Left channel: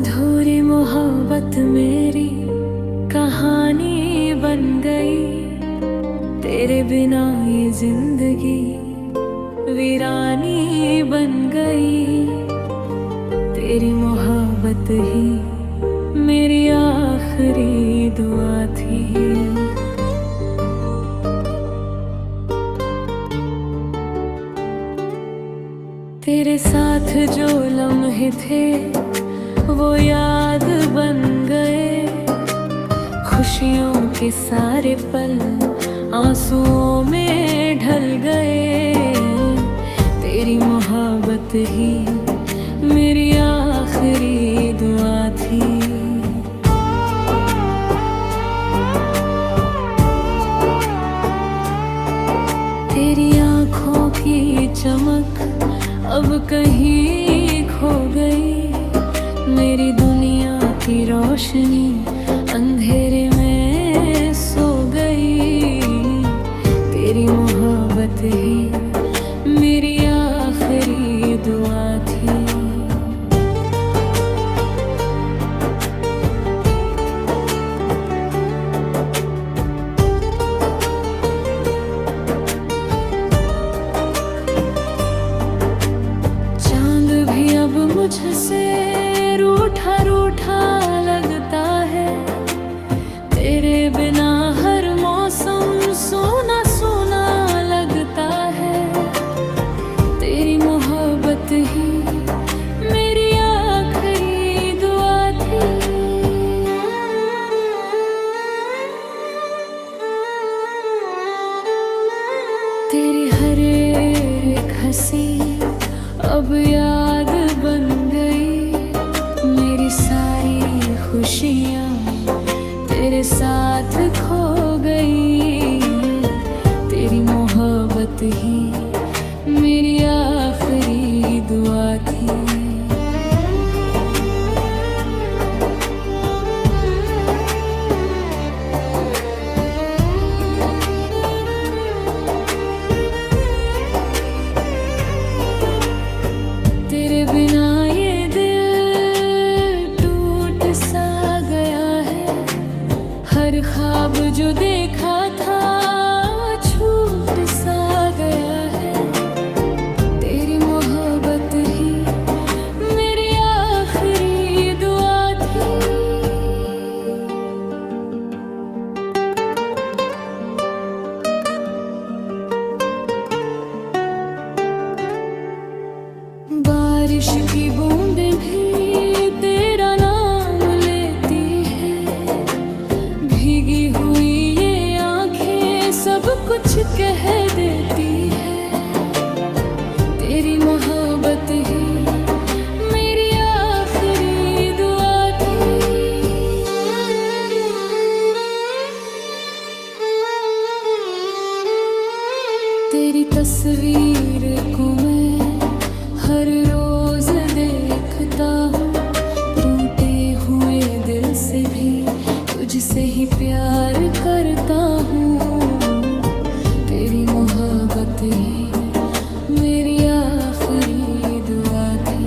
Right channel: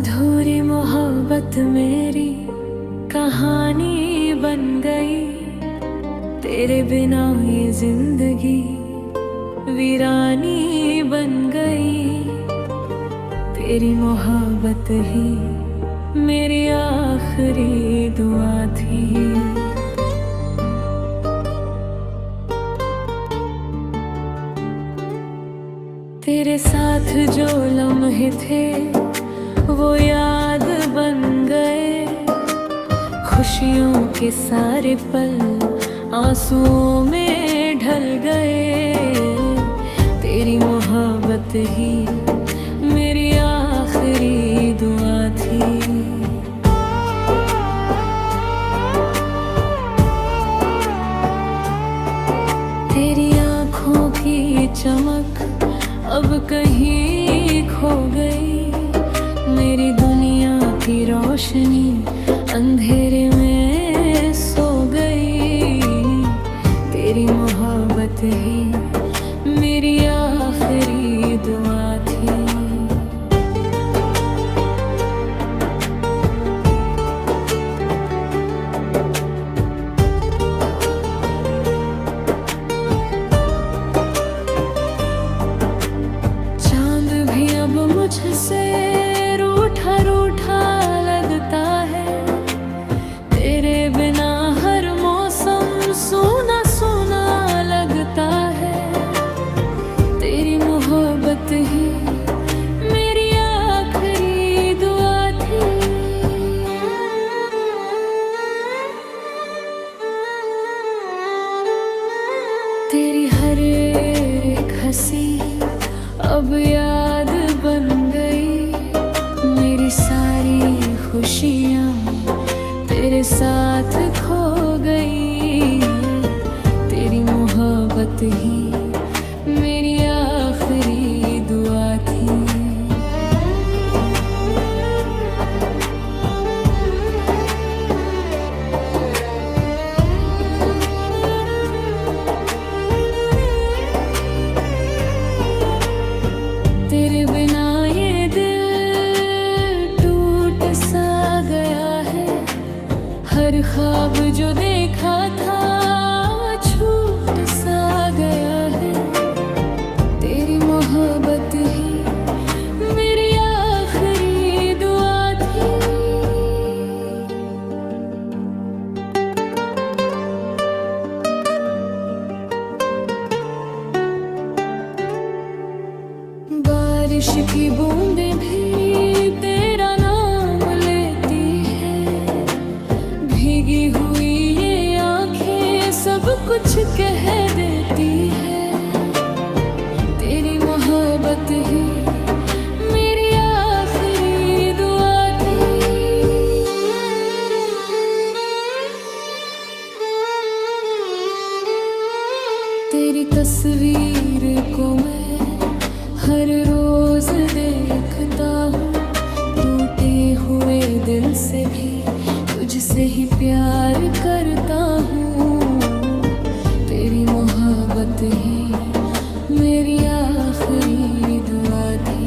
अधूरी मोहब्बत मेरी कहानी बन गई। तेरे बिना ये जिंदगी वीरानी बन गई। तेरी मोहब्बत ही मेरी आखिरी दुआ थी। तेरे साथ जो लम्हे थे वो याद बन गए। खुशियों के सारे पल आंसुओं में ढल गए। तेरी मोहब्बत ही मेरी आखिरी दुआ थी। तेरी आँखों की चमक अब कहीं खो गई। मेरी दुनिया की रोशनी अंधेरे में सो गई। तेरी मोहब्बत ही मेरी आखिरी दुआ थी। चांद भी अब मुझसे रूठा रूठा लगता है। तेरे बिना हर मौसम सूना सूना लगता है। तेरी मोहब्बत ही मेरी आखिरी दुआ थी। तेरी हर एक हंसी अब याद बन गई। मेरी सारी खुशियाँ तेरे साथ खो गई। तेरी मोहब्बत ही मेरी आखिरी दुआ थी। तेरे बिना ये दिल टूट सा गया है। हर ख्वाब जो देखा था छूट सा गया है। तेरी मोहब्बत ही मेरी आखिरी दुआ थी। बारिश की बूंदें भी तेरा नाम लेती है। भीगी हुई ये आंखें सब कुछ कह देती है। तेरी मोहब्बत ही मेरी आखिरी दुआ थी। तेरी तस्वीर को मैं हर रोज देखता हूँ। टूटे हुए दिल से भी तुझसे ही प्यार करता हूँ। तेरी मोहब्बत ही मेरी आखिरी दुआ थी।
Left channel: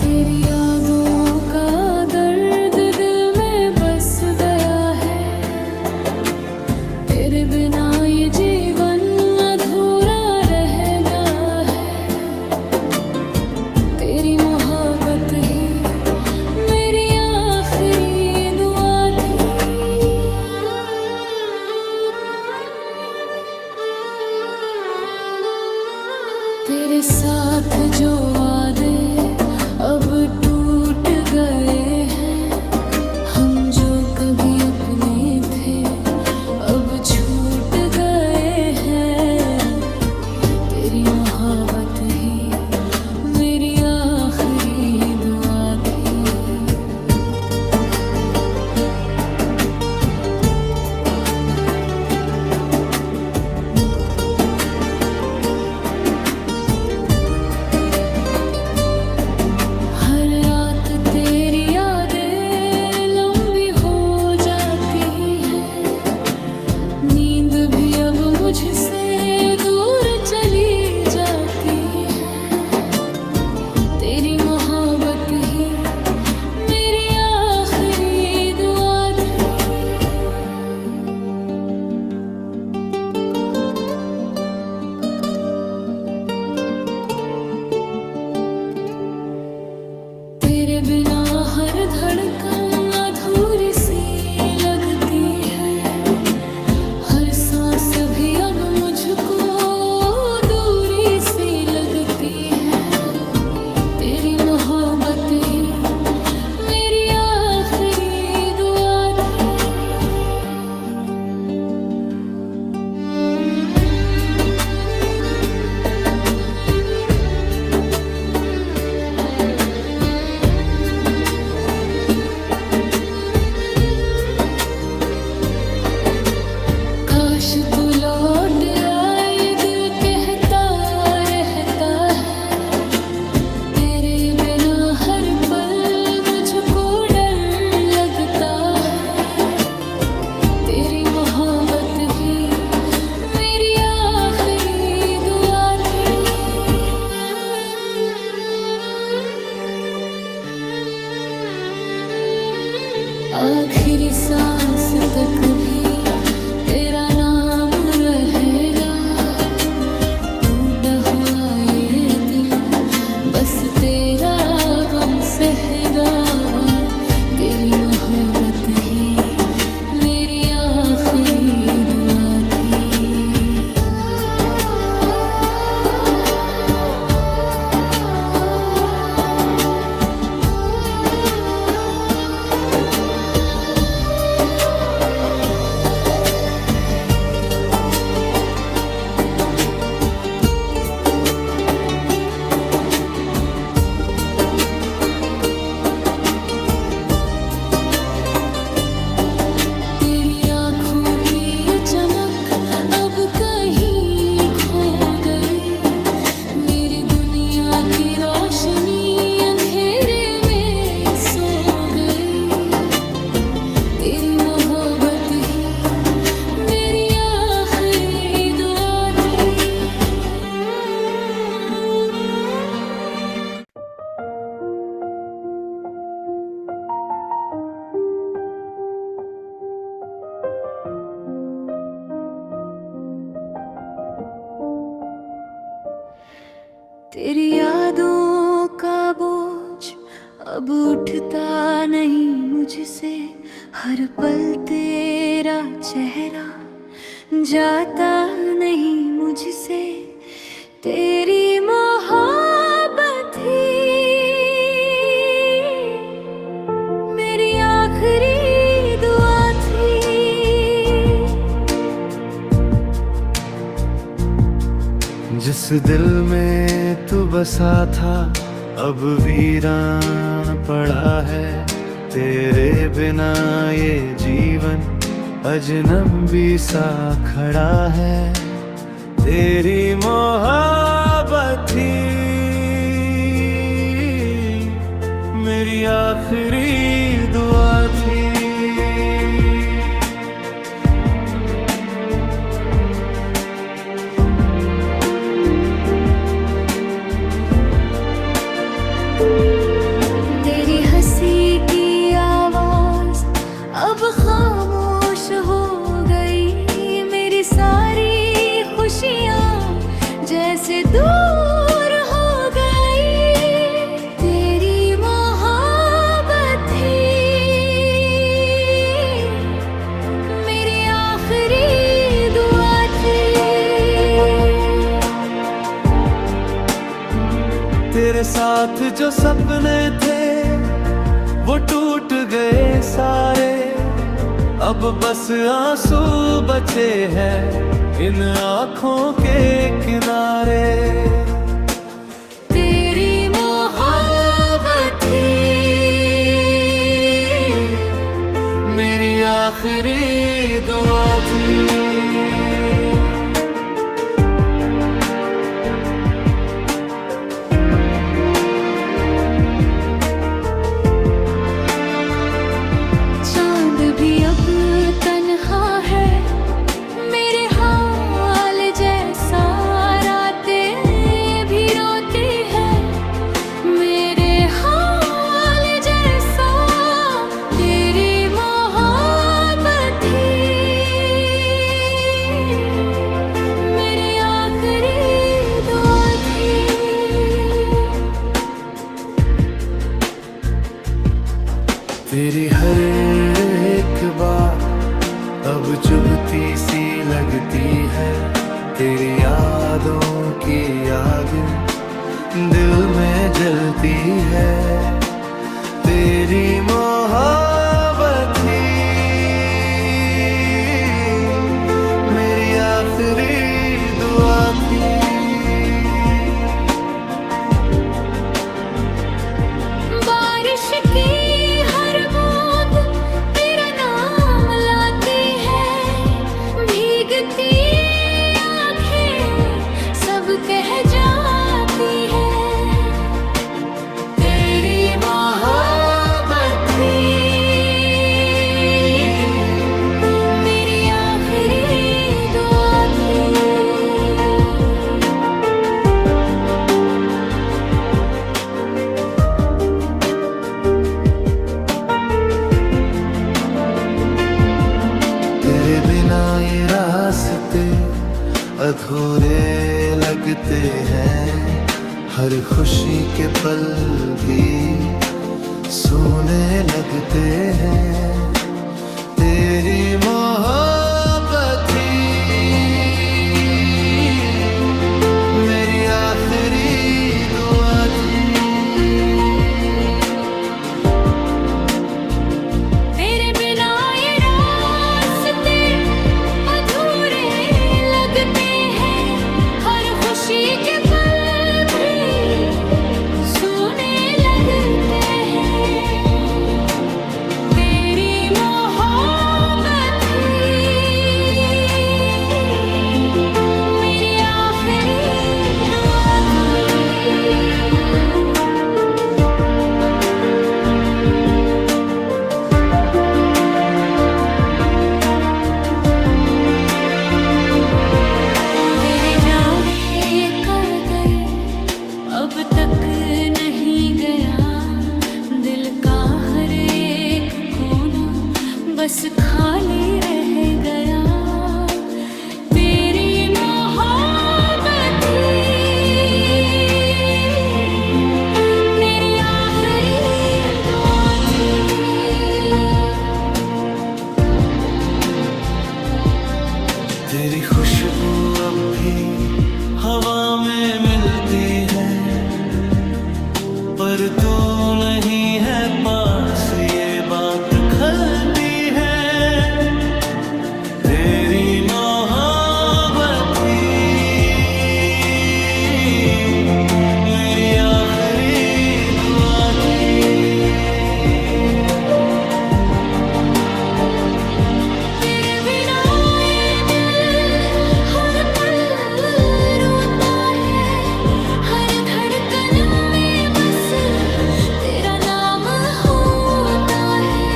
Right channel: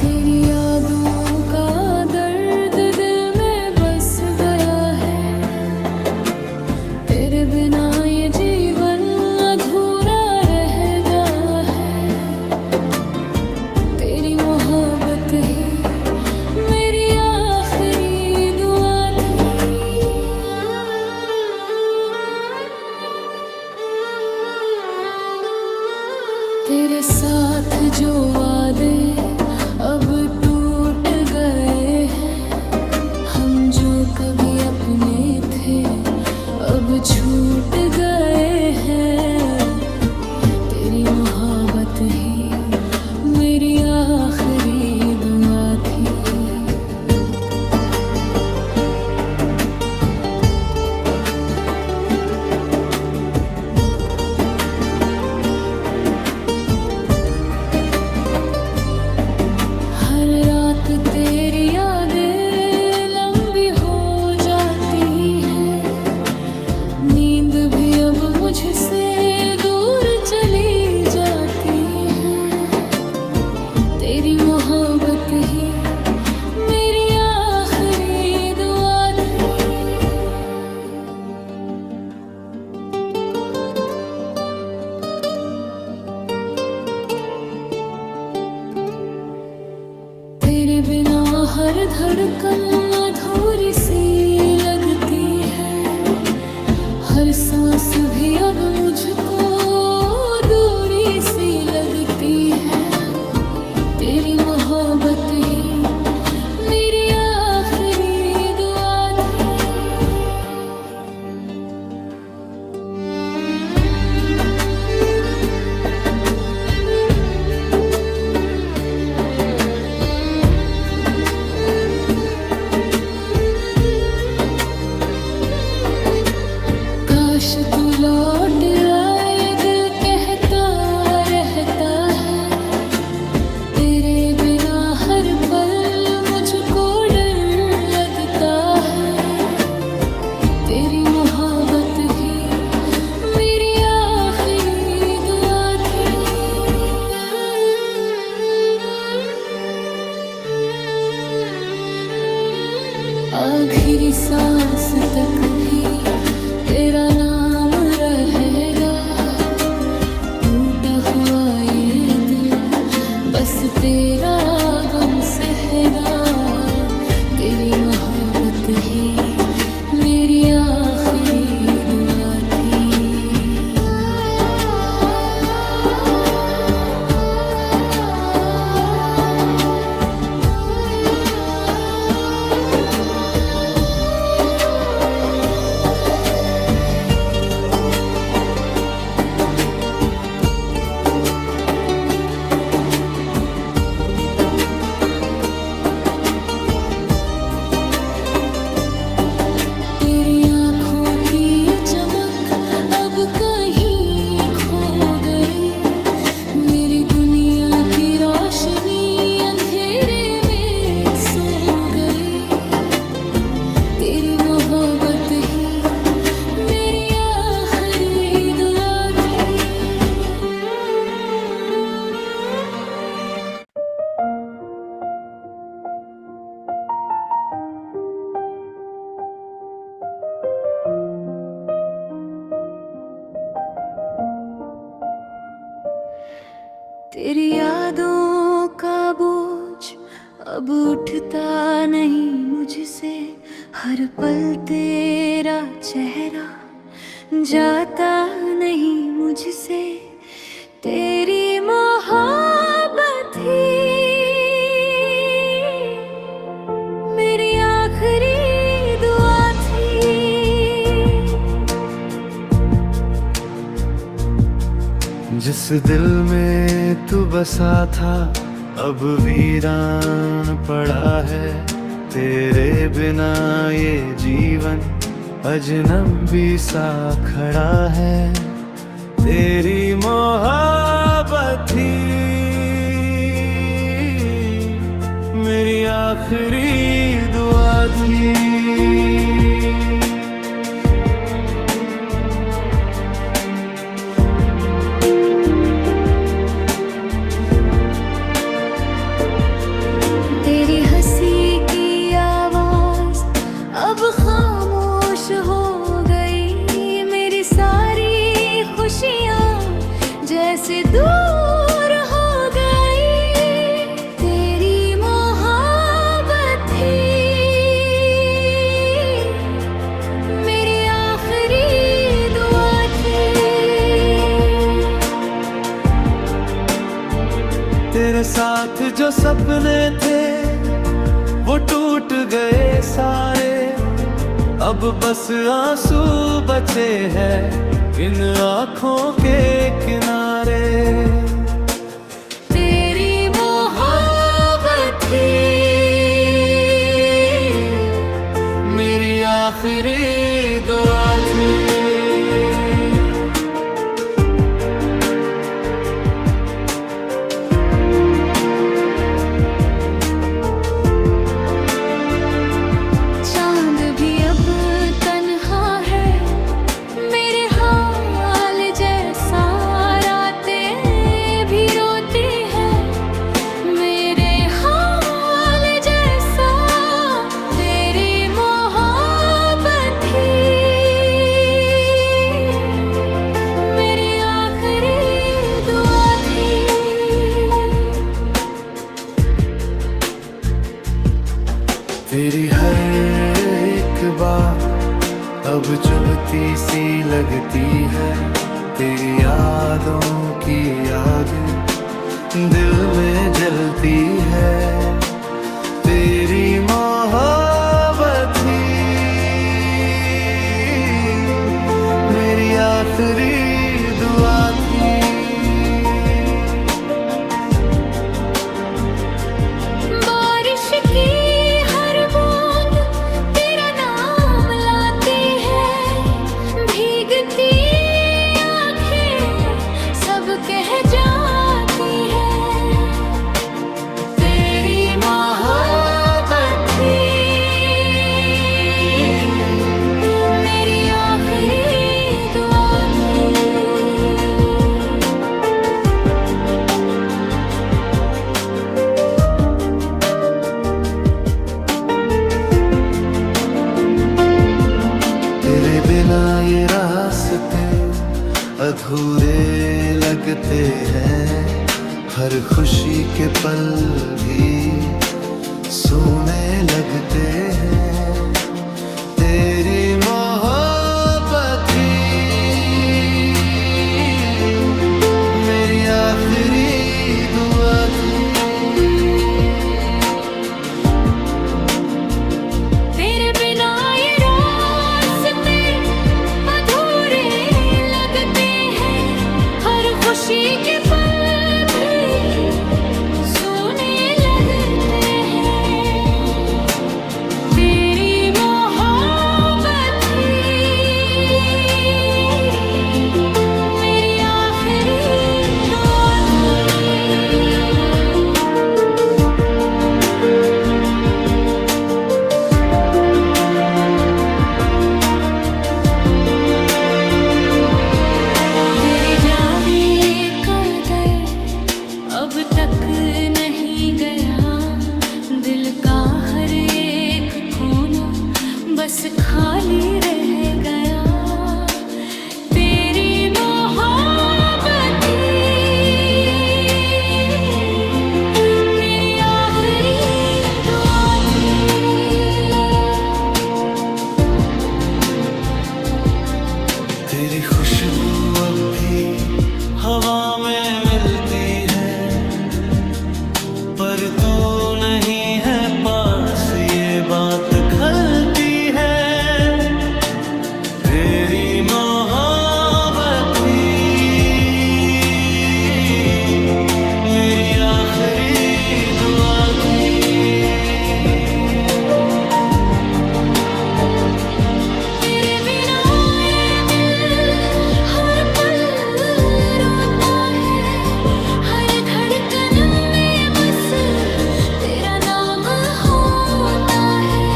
तेरी यादों का दर्द दिल में बस गया है। तेरे बिना ये जीवन अधूरा रहेगा है। तेरी मोहब्बत ही मेरी आखिरी दुआ थी। तेरे साथ जो वादे अब टूट गए हैं। हम जो कभी अपने थे अब छूट गए हैं। तेरी मोहब्बत ही मेरी आखिरी दुआ थी। हर रात तेरी यादें लंबी अब मुझसे दूर चली जाती है। तेरी मोहब्बत ही मेरी आखिरी दुआ थी। तेरे बिना हर धड़कन अधूरी सी लगती है। हर सांस भी अब मुझको दूरी सी लगती है। तेरी मोहब्बत ही मेरी आखिरी दुआ थी। काश तू लौट आए दिल कहता रहता है। तेरे बिना हर पल मुझको डर लगता है। तेरी मोहब्बत ही मेरी आखिरी दुआ थी। आखिरी सांस तक भी तेरा नाम रहेगा। टूटा हुआ ये दिल बस तेरा गम सहेगा। तेरी मोहब्बत ही मेरी आखिरी दुआ थी। तेरी आँखों की चमक अब कहीं खो गई। मेरी दुनिया की रोशनी अंधेरे में सो गई। तेरी मोहब्बत ही मेरी आखिरी दुआ थी। तेरी यादों का बोझ अब उठता नहीं मुझसे। हर पल तेरा चेहरा जाता नहीं मुझसे। तेरी मोहब्बत ही मेरी आखिरी दुआ थी। जिस दिल में तू बसा था अब वीरान पड़ा है। तेरे बिना ये जीवन अजनबी सा खड़ा है। तेरी मोहब्बत ही मेरी आखिरी दुआ थी। तेरी हंसी की आवाज अब खामोश हो गई। मेरी सारी खुशियाँ जैसे दूर हो गई। तेरी मोहब्बत ही मेरी आखिरी दुआ थी। तेरे साथ जो सपने थे वो टूट गए सारे। अब बस आंसू बचे हैं इन आँखों के किनारे। तेरी मोहब्बत ही मेरी आखिरी दुआ थी। चांद भी अब तन्हा है मेरे हाथ तेरी हर एक बात अब चुभती सी लगती है, तेरी यादों की आग दिल में जलती है। तेरी मोहब्बत ही मेरी आखिरी दुआ थी। बारिश की हर बूंद तेरा नाम लाती है, भीगती आंखें सब कह जाती है। तेरी मोहब्बत थी मेरी आखिरी दुआ थी। तेरे बिना ये रास्ते अधूरे लगते हैं, हर खुशी के पल भी सूने लगते हैं। तेरी मोहब्बत ही मेरी आखिरी दुआ थी। तेरे बिना ये रास्ते अधूरे लगते हैं, हर खुशी के पल भी सूने लगते हैं। तेरी मोहब्बत ही मेरी आखिरी दुआ थी। तेरे जाने का दर्द अब तक नहीं गया, दिल का हर एक कोना बस खाली रह गया। तेरी मोहब्बत थी मेरी आखिरी दुआ थी। तेरी खुशबू अब भी हवा में मिलती है, पर तू नहीं है पास ये बात खलती है। तेरी मोहब्बत थी मेरी आखिरी दुआ थी। तेरे बिना ये दिल हर पल रोता है, हर धड़कन में बस तेरा नाम होता है।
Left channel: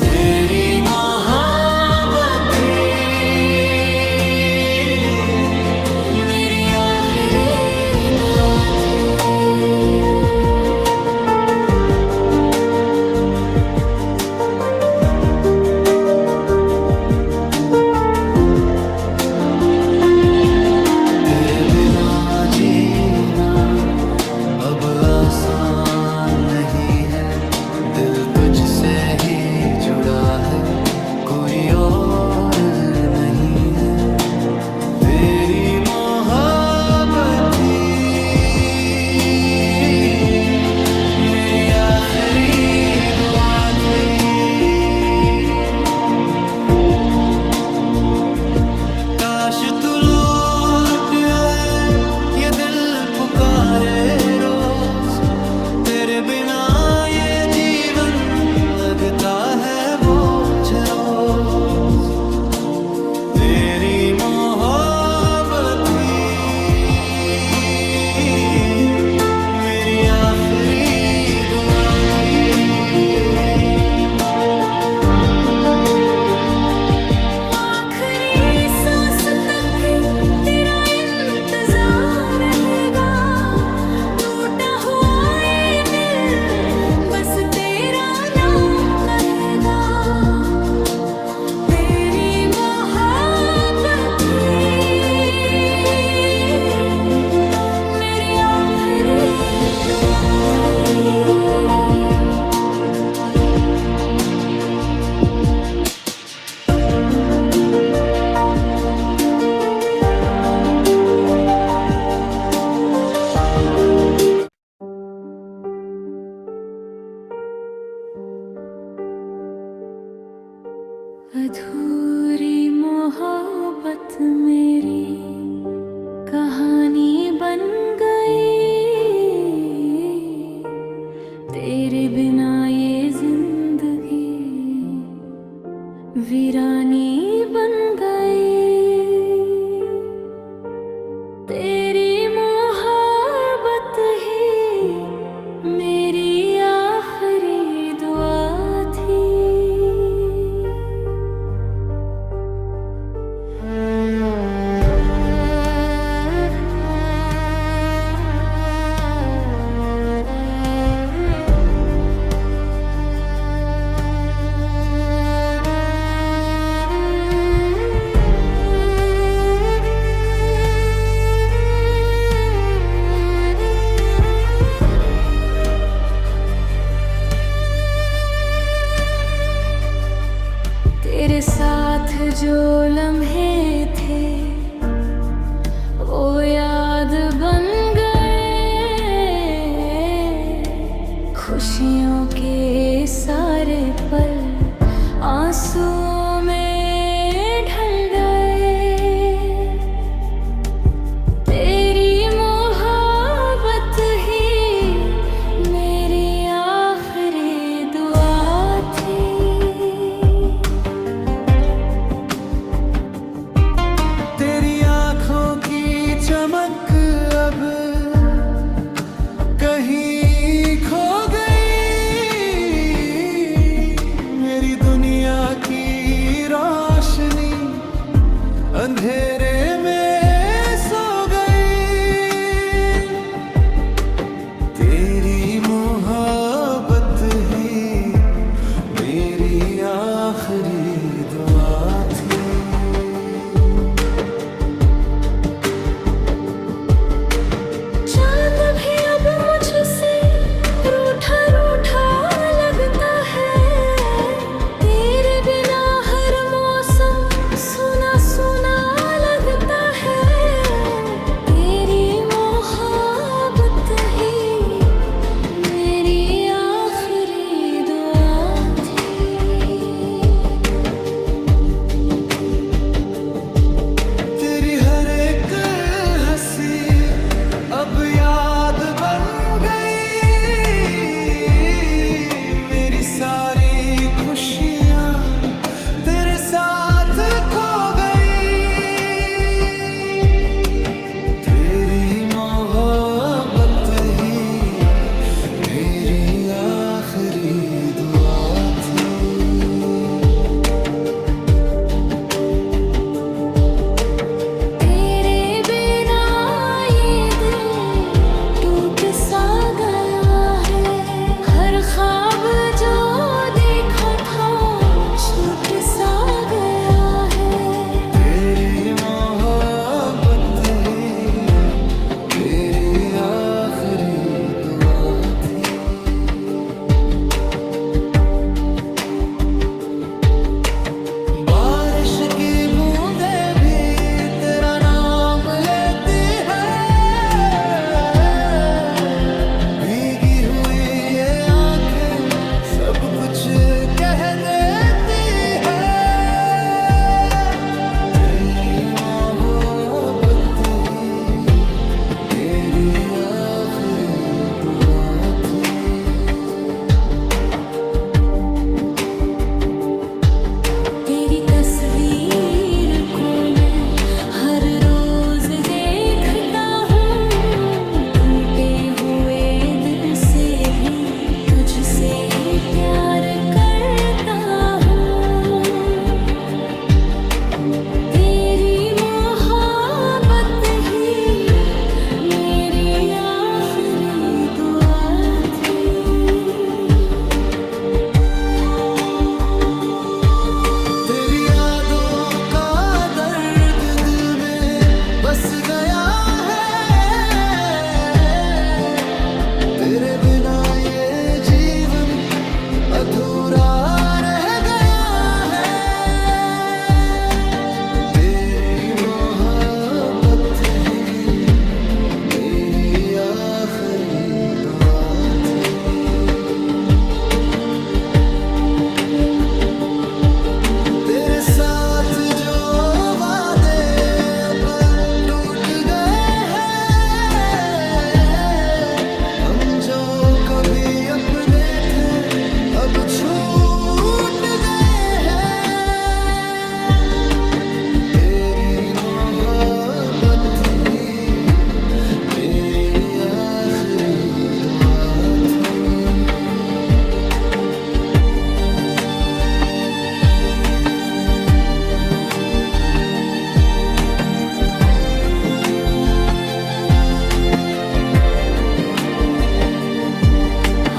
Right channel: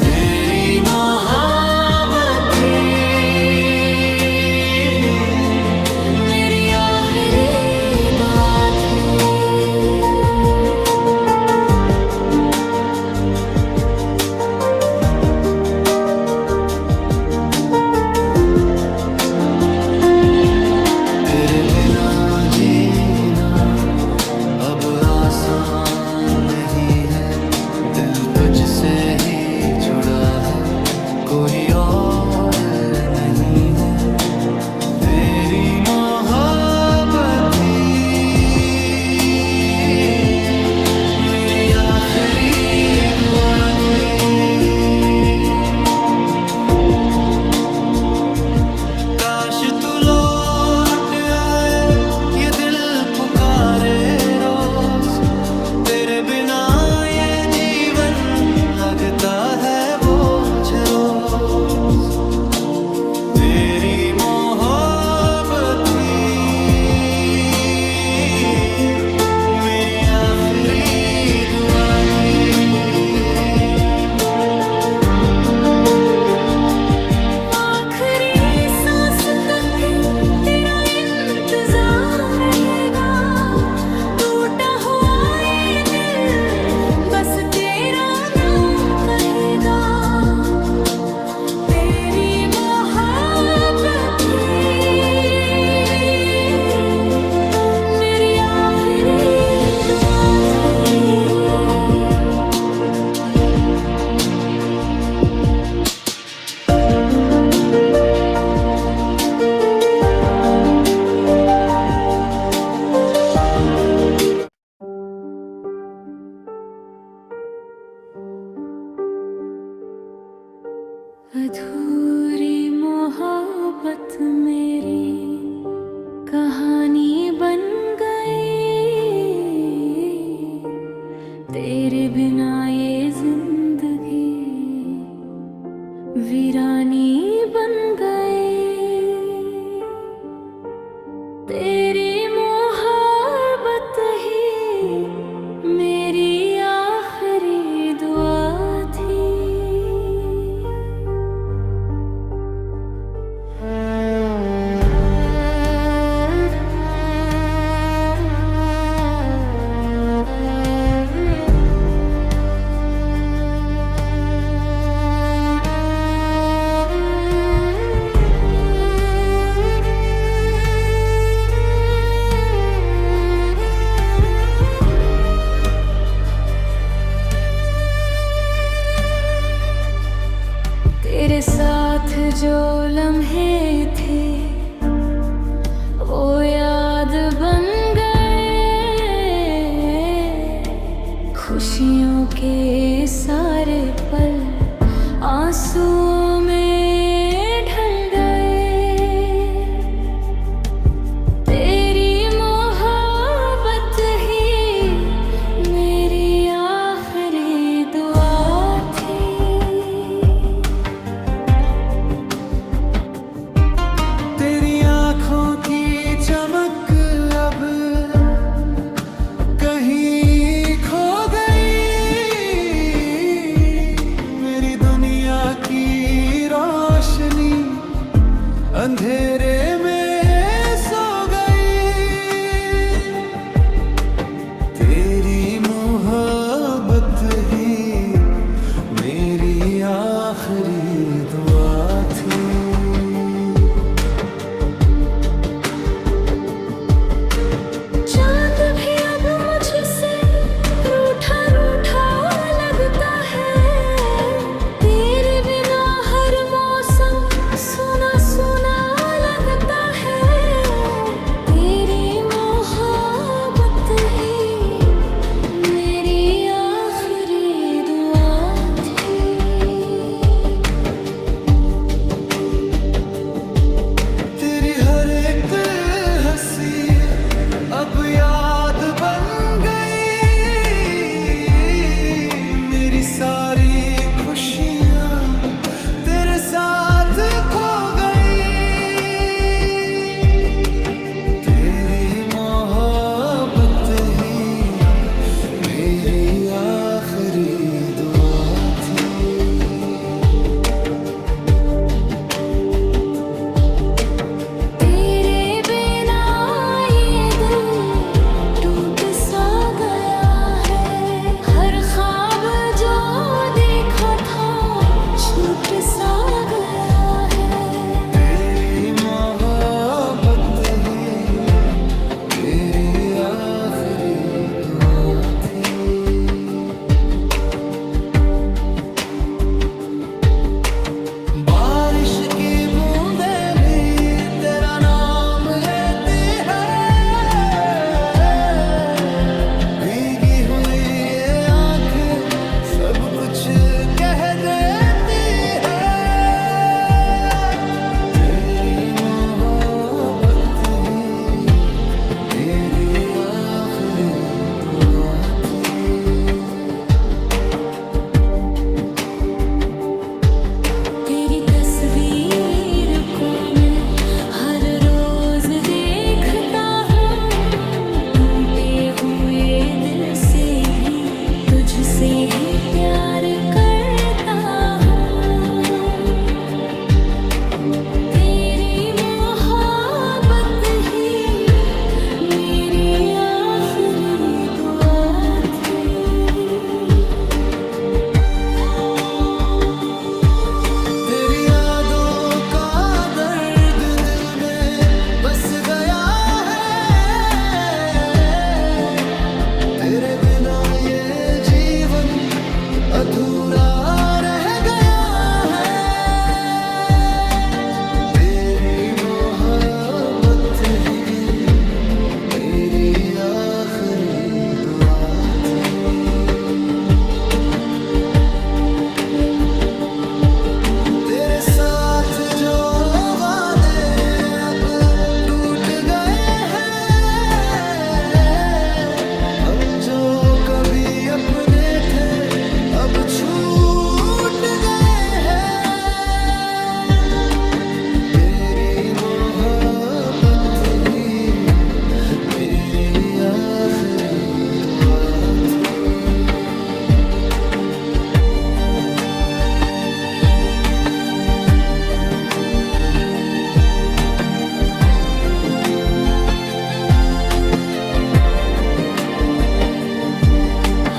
तेरी मोहब्बत थी मेरी आखिरी दुआ थी। तेरे बिना जीना अब आसान नहीं है, दिल तुझसे ही जुड़ा है, कोई और नहीं है। तेरी मोहब्बत थी मेरी आखिरी दुआ थी। काश तू लौट आए, ये दिल पुकारे रोज, तेरे बिना ये जीवन लगता है बोझ रोज। तेरी मोहब्बत थी मेरी आखिरी दुआ थी। आखिरी सांस तक भी तेरा इंतजार रहेगा, टूटा हुआ ये दिल बस तेरा नाम कहेगा। अधूरी मोहब्बत मेरी कहानी बन गई, तेरे बिना ये जिंदगी वीरानी बन गई। तेरी मोहब्बत ही मेरी आखिरी दुआ थी। तेरे साथ जो लम्हे थे वो याद बन गए, खुशियों के सारे पल आंसुओं में ढल गए। तेरी मोहब्बत ही मेरी आखिरी दुआ थी। की चमक अब कहीं खो गई, मेरी दुनिया की रोशनी अंधेरे में सो गई। तेरी मोहब्बत ही मेरी आखिरी दुआ थी। मुझसे रूठा रूठा लगता है, तेरे बिना हर मौसम सुना सुना लगता है। तेरी मोहब्बत ही मेरी आखिरी दुआ थी। तेरी हर एक हंसी अब याद बन सारी खुशियां तेरे साथ खो गई। तेरी मोहब्बत ही मेरी आखिरी दुआ थी। तेरे बिना ये दिल टूट सा गया है, हर ख्वाब जो देखा था छूट सा गया है। तेरी मोहब्बत ही मेरी आखिरी दुआ थी। बारिश की बूंदें भी तेरा नाम लेती है, भीगी हुई ये आंखें सब कुछ कह देती है। तेरी मोहब्बत ही मेरी आखिरी दुआ थी। तेरी तस्वीर को मैं हर रोज देखता हूँ, टूटे हुए दिल से भी तुझसे ही प्यार करता हूँ। तेरी मोहब्बत ही मेरी आखिरी दुआ थी। तेरी यादों का दर्द दिल में बस गया है, तेरे बिना ये जीवन अधूरा रह गया है। तेरी मोहब्बत ही मेरी आखिरी दुआ थी। तेरे साथ जो वादे अब टूट गए हैं, हम जो कभी अपने थे अब छूट गए हैं। तेरी मोहब्बत ही मेरी आखिरी दुआ थी।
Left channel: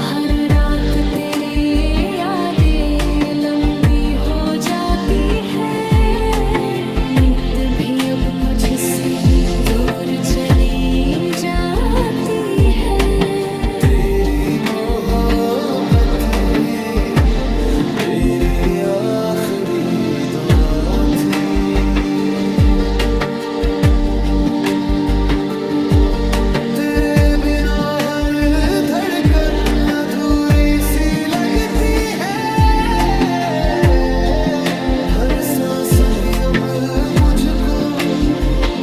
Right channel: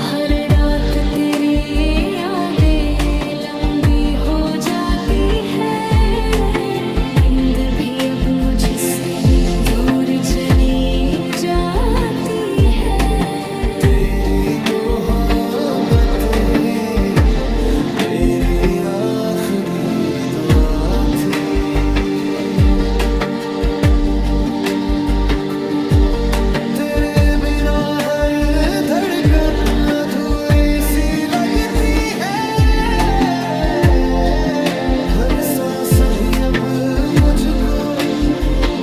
हर रात तेरी यादें लंबी हो जाती है, नींद भी अब मुझसे दूर चली जाती है। तेरी मोहब्बत ही मेरी आखिरी दुआ थी। तेरे बिना हर धड़कन अधूरी सी लगती है, हर सांस भी अब मुझको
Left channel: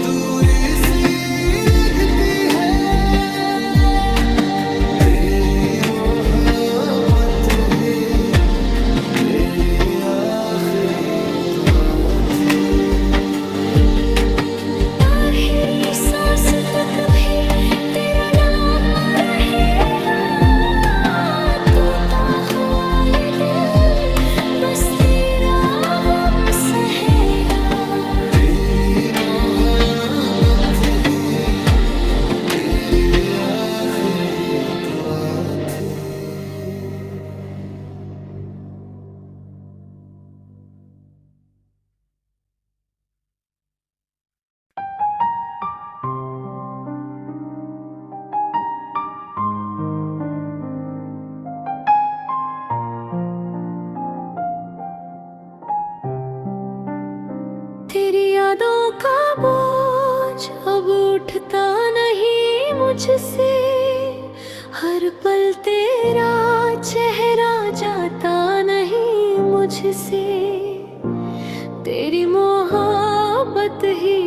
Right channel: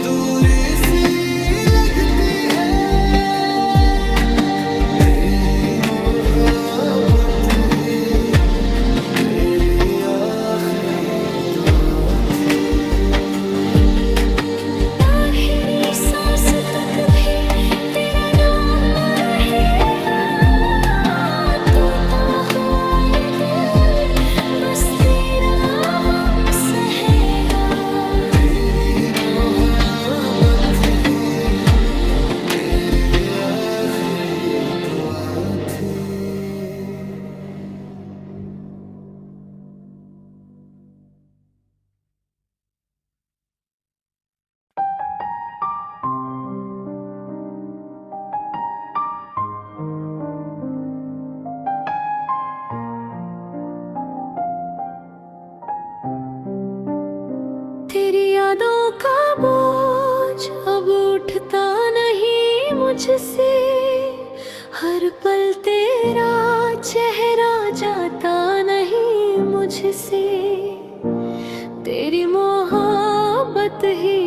दूरी सी लगती है। तेरी मोहब्बत ही मेरी आखिरी दुआ थी। आखिरी सांस तक भी तेरा नाम रहेगा, टूटा हुआ ये दिल बस तेरा गम सहेगा। तेरी मोहब्बत ही मेरी आखिरी दुआ थी। तेरी यादों का बोझ अब उठता नहीं मुझसे, हर पल तेरा चेहरा जाता नहीं मुझसे। तेरी मोहब्बत ही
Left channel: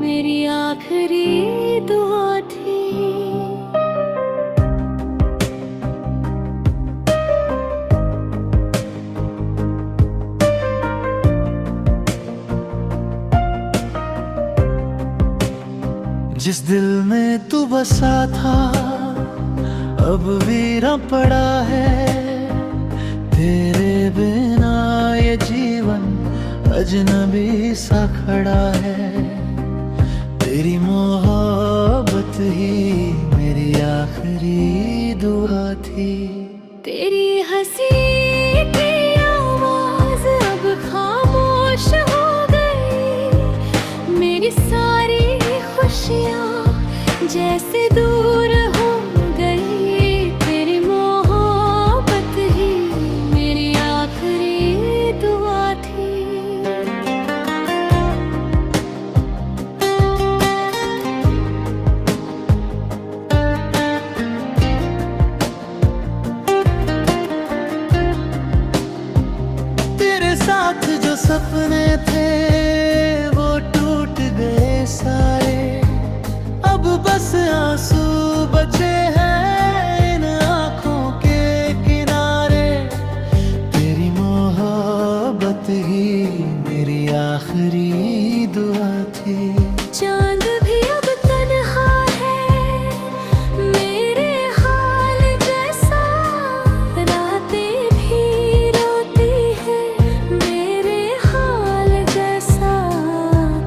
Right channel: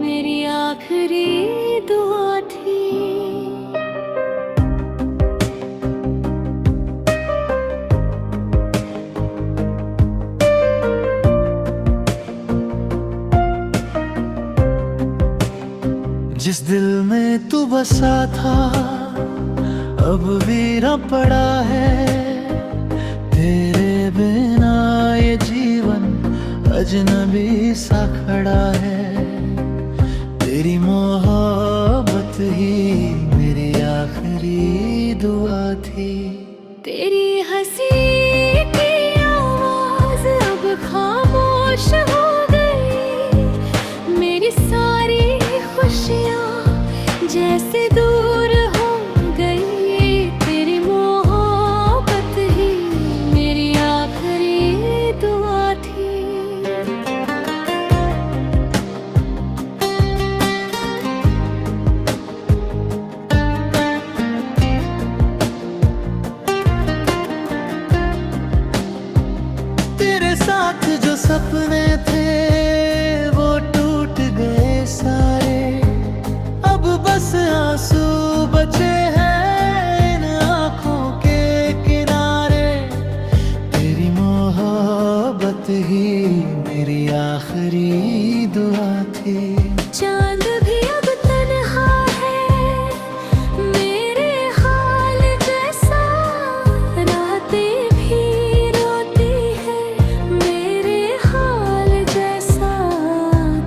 मेरी आखिरी दुआ थी। जिस दिल में तू बसा था अब वीरा पड़ा है, तेरे बिना ये जीवन अजनबी सा खड़ा है। तेरी मोहब्बत ही मेरी आखिरी दुआ थी। तेरी हंसी की आवाज अब खामोश हो गई, मेरी सारी खुशियाँ जैसे दूर हो गई। तेरी मोहब्बत ही मेरी आखिरी दुआ थी। तेरे साथ जो सपने थे वो टूट गए सारे, अब बस आंसू बचे हैं इन आँखों के किनारे। तेरी मोहब्बत ही मेरी आखिरी दुआ थी। चांद भी अब तन्हा है मेरे हाल जैसा, रातें भी रोती है मेरे हाल जैसा।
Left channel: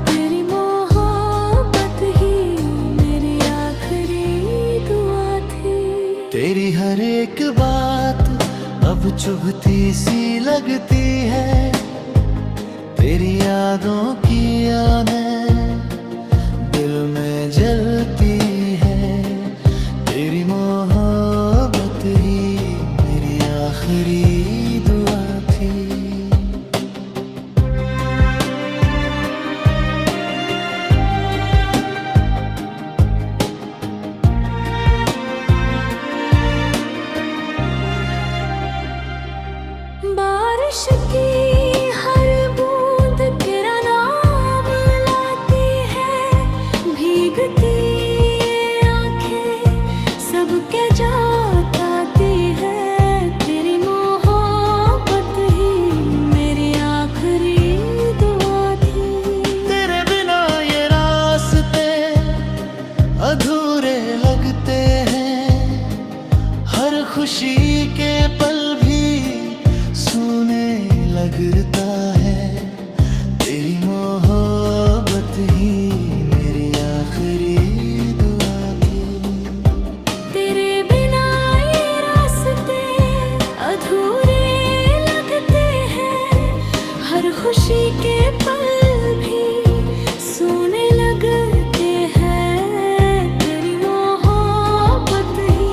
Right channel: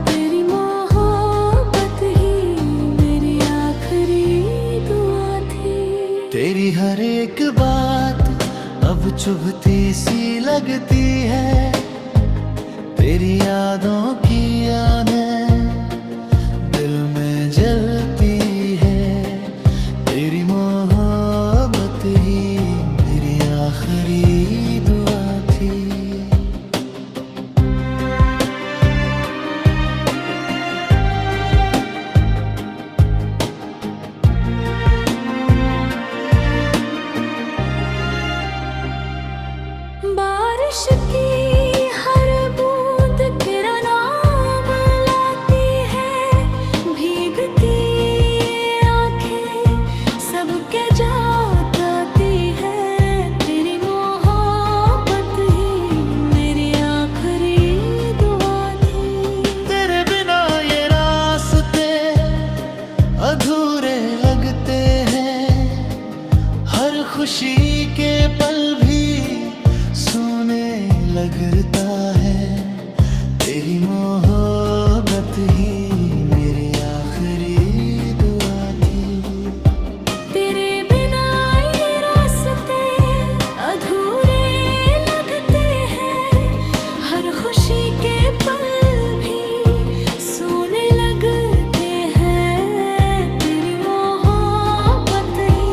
तेरी मोहब्बत ही मेरी आखिरी दुआ थी। तेरी हर एक बात अब चुभती सी लगती है, तेरी यादों की यादें दिल में जलती है। तेरी मोहब्बत ही मेरी आखिरी दुआ थी। बारिश की हर बूंद के जात आती है। तेरी मोहब्बत ही मेरी आखिरी दुआ थी। तेरे बिना ये रास्ते अधूरे लगते हैं, हर खुशी के पल भी सोने लगता है। तेरी मोहब्बत ही मेरी आखिरी दुआ थी। तेरे बिना ये रास्ते अधूरे लगते हैं, हर खुशी के पल भी सोने लगते हैं। तेरी मोहब्बत ही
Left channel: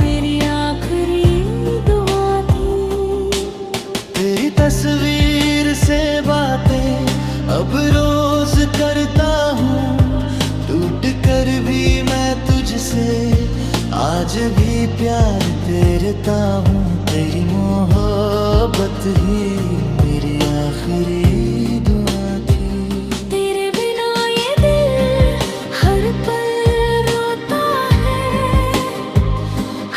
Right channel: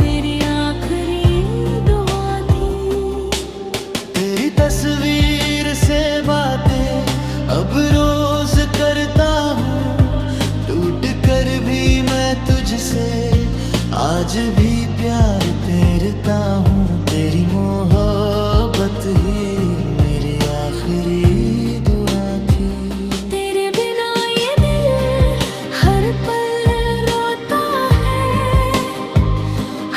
मेरी आखिरी दुआ थी। तेरी तस्वीर से बातें अब रोज करता हूँ, टूट कर भी मैं तुझसे आज भी प्यार करता हूँ। तेरी मोहब्बत ही मेरी आखिरी दुआ थी। तेरे बिना ये दिल हर पल रोता है,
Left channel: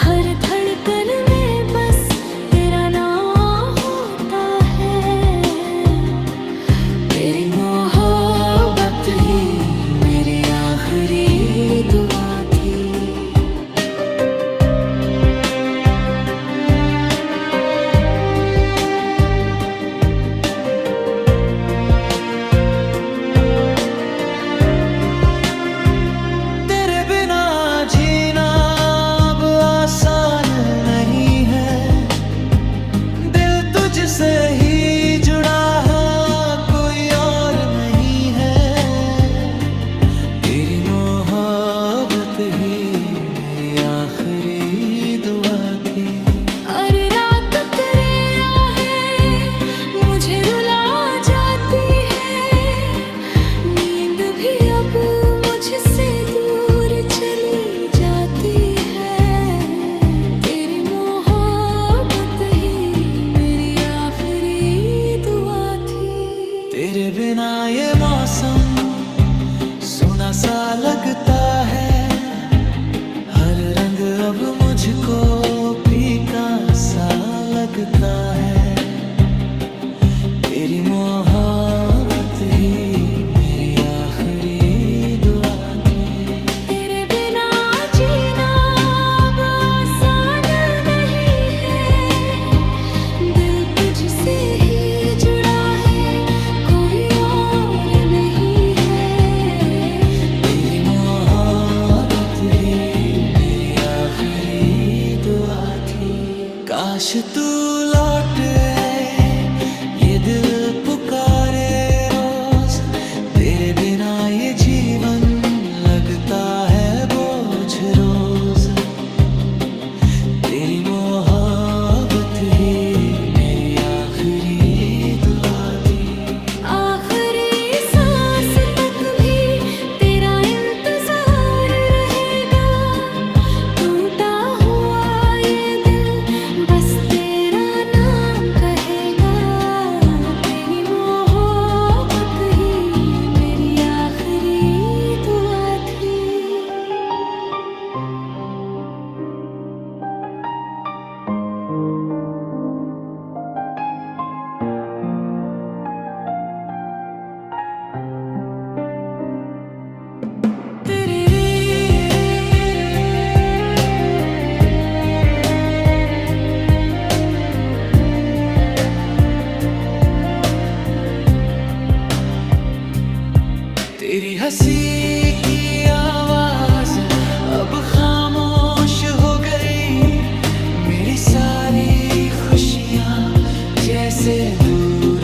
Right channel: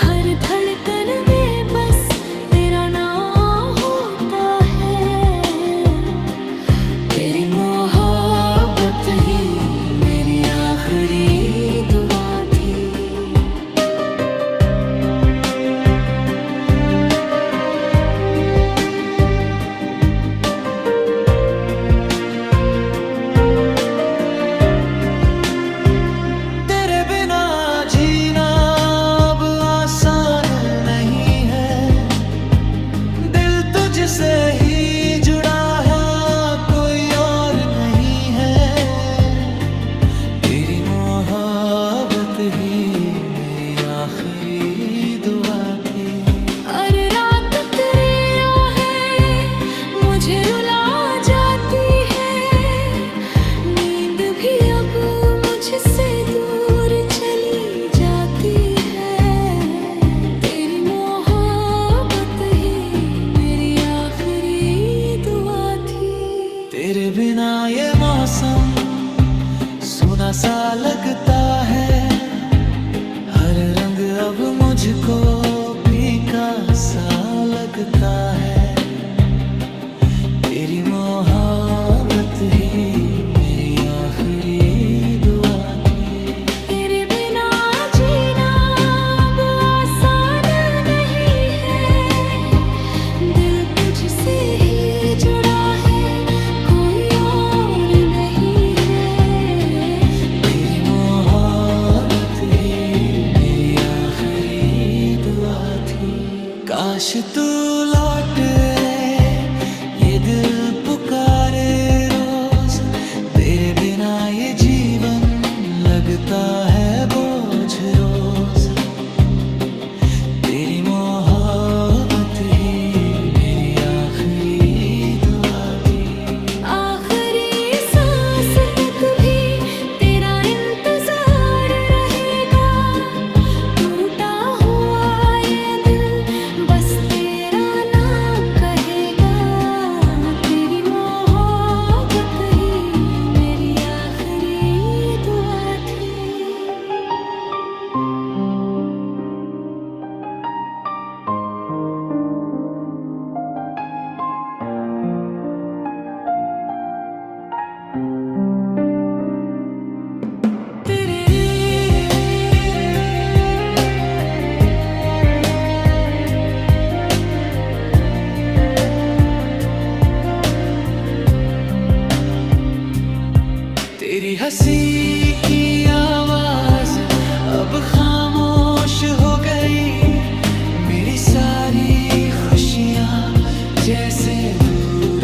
हर धड़कन में बस तेरा नाम होता है। तेरी मोहब्बत ही मेरी आखिरी दुआ थी। तेरे बिना जीना अब आसान नहीं है, दिल तुझसे ही जुड़ा है, कोई और नहीं है। तेरी मोहब्बत ही मेरी आखिरी दुआ थी। हर रात तेरी आहें मुझे रुला जाती है, नींद भी अब मुझसे दूर चली जाती है। तेरी मोहब्बत ही मेरी आखिरी दुआ थी। तेरे बिना ये मौसम सूना सा लगता है, हर रंग अब मुझको फीका सा लगता है। तेरी मोहब्बत ही मेरी आखिरी दुआ थी। तेरे बिना जीना अब आसान नहीं है, दिल तुझसे ही जुड़ा है, कोई और नहीं है। तेरी मोहब्बत ही मेरी आखिरी दुआ थी। काश तू लौट आए, ये दिल पुकारे रोज। तेरे बिना ये जीवन लगता है बोझ रोज। तेरी मोहब्बत ही मेरी आखिरी दुआ थी। आखिरी सांस तक भी तेरा इंतजार रहेगा, टूटा हुआ ये दिल बस तेरा नाम कहेगा। तेरी मोहब्बत ही मेरी आखिरी दुआ थी। तेरी हंसी की आवाज अब खामोश हो गई, मेरी सारी खुशियाँ जैसे दूर